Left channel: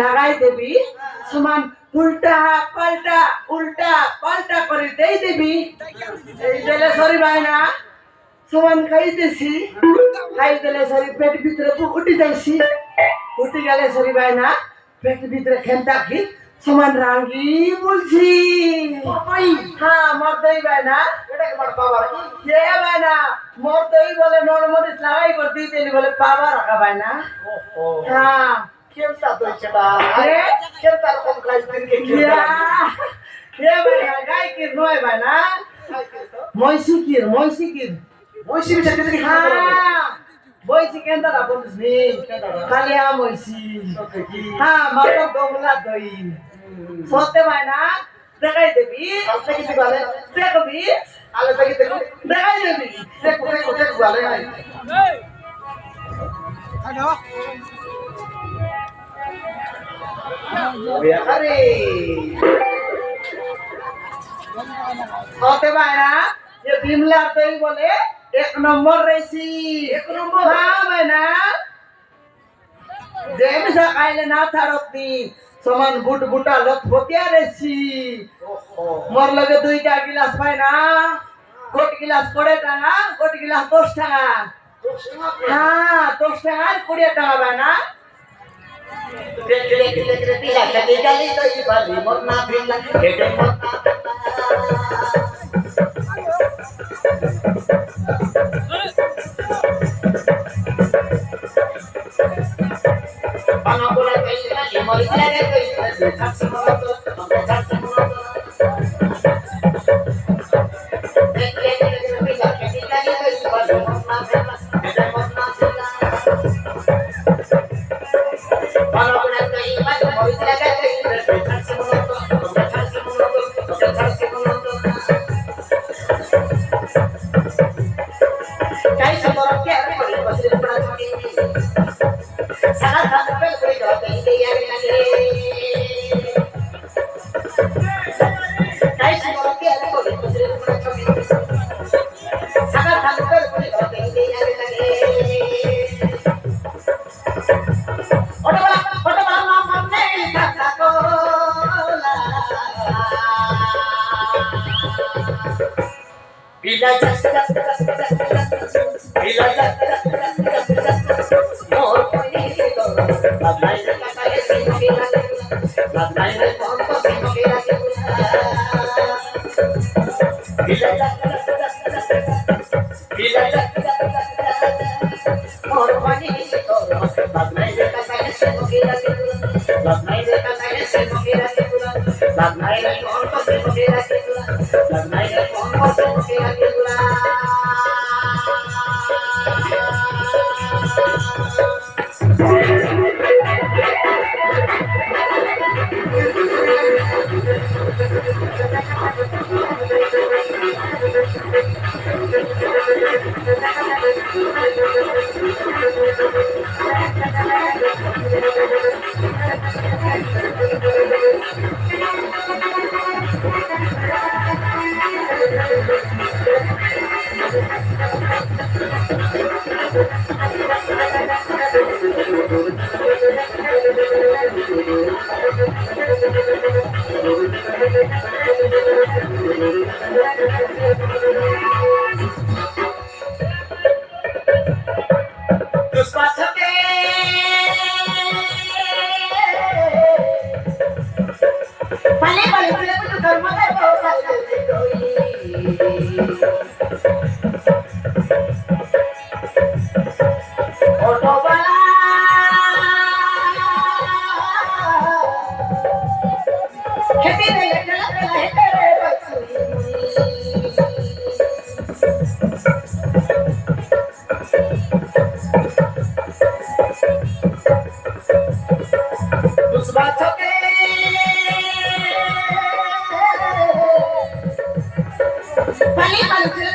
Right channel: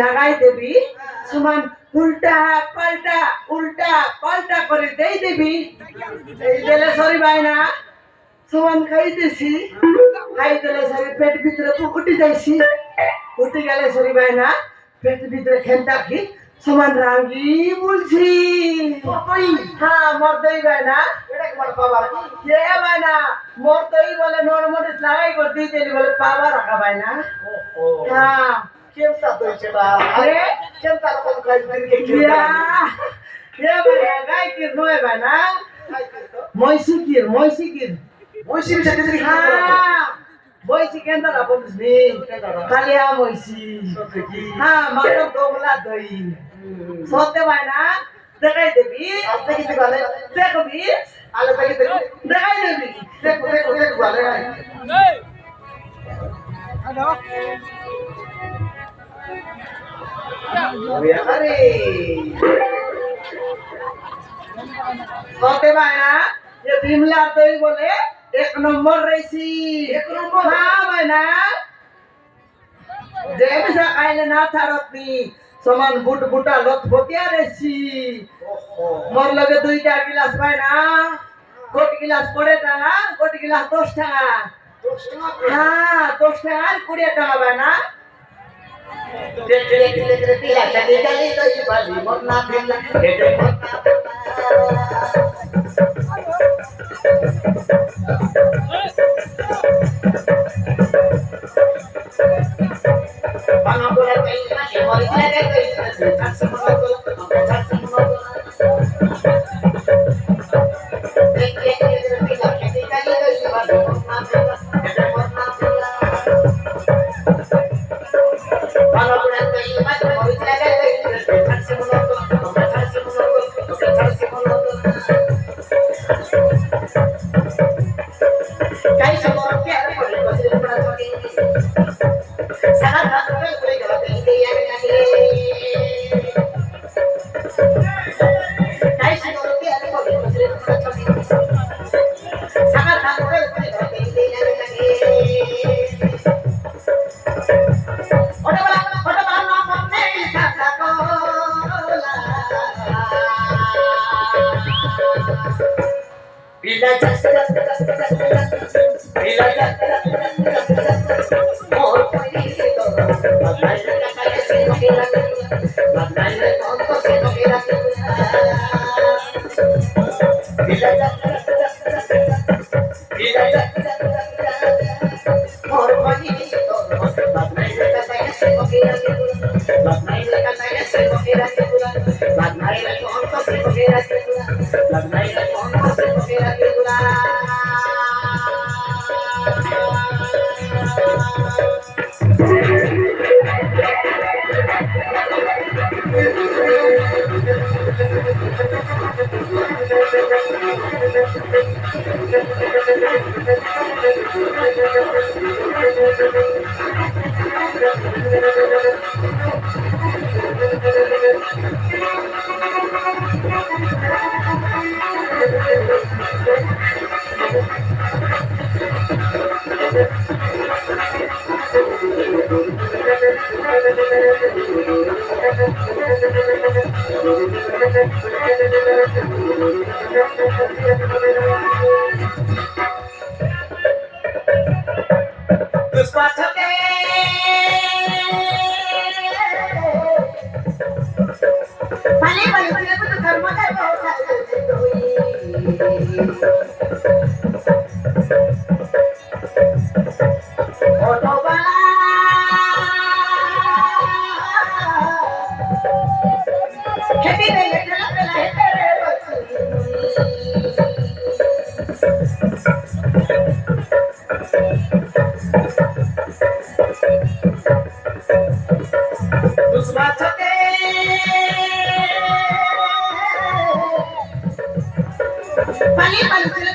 লাগাই দেবি সমান উল্টা পাল্টা করে দেই দেবি এই দিলে সরি ভাই না সমান খাইতেছি খাই দিলে সরি পেট ভিতরে উঠি যাইছি উঠি গেলে সরি ভাই না পেট ভিতরে খেলতা কি সমান রাঙ্গি বলছি হ্যাঁ মরদই ভাই না ভাই না মরদই বলে নরমরিচ লাগাই করে দিতে বলে পাবা রাখা ভাই না হ্যাঁ খেলতা তো সেটা আরে খেলতা কোন ক্লাস দিনকে গাই কি নয় ভাই না ময়সিকির মইশির সাথে যদি ময়সি কেন না বলিস নি কালিয়া ময়সি হ্যাঁ মাত্র দোগলা দই সতে ভাই না দেখাই দেবি আপনি কি বলে দেখবি আলে দেখি দেখাই দেবি দেখো বলে আরে সতে ভাই না ये बिमला दही बोले एक नंबर रही हाँ भाई ना जेमिसा खाइले ना थारतनी समान बुट बुटा लत बोतिया रही मोर लगे 2टा गिलास भाई ना गोट गिलास 20 টাকা गोट गिलास 10 টাকা हाँ 10 টাকা 20 টাকা भाई ना तिला चली गली दही बाली मोरना बिल्ला बेटे Morna Bana boleh kailan ya mari kita kailan tak semua tu tak semua tu Bana boleh kailan mari kita kailan tak semua tu tak semua tu tak semua tu Kai semua ke ada boleh pasal pernah cari sangat boleh kalau ini yang lagi Kai semua ke ada boleh pasal pernah cari sangat boleh kalau ini yang lagi Oda bala nama nei kata kola Bila jak Bila jak Mor pani se to Badai na kata se no kira Badai na tonto se no kira Bila jak Mor pani se to Badai na kata se no kira Badai na kata se no kira Badai na tonto se no kira Badai na tonto se no kira पाणी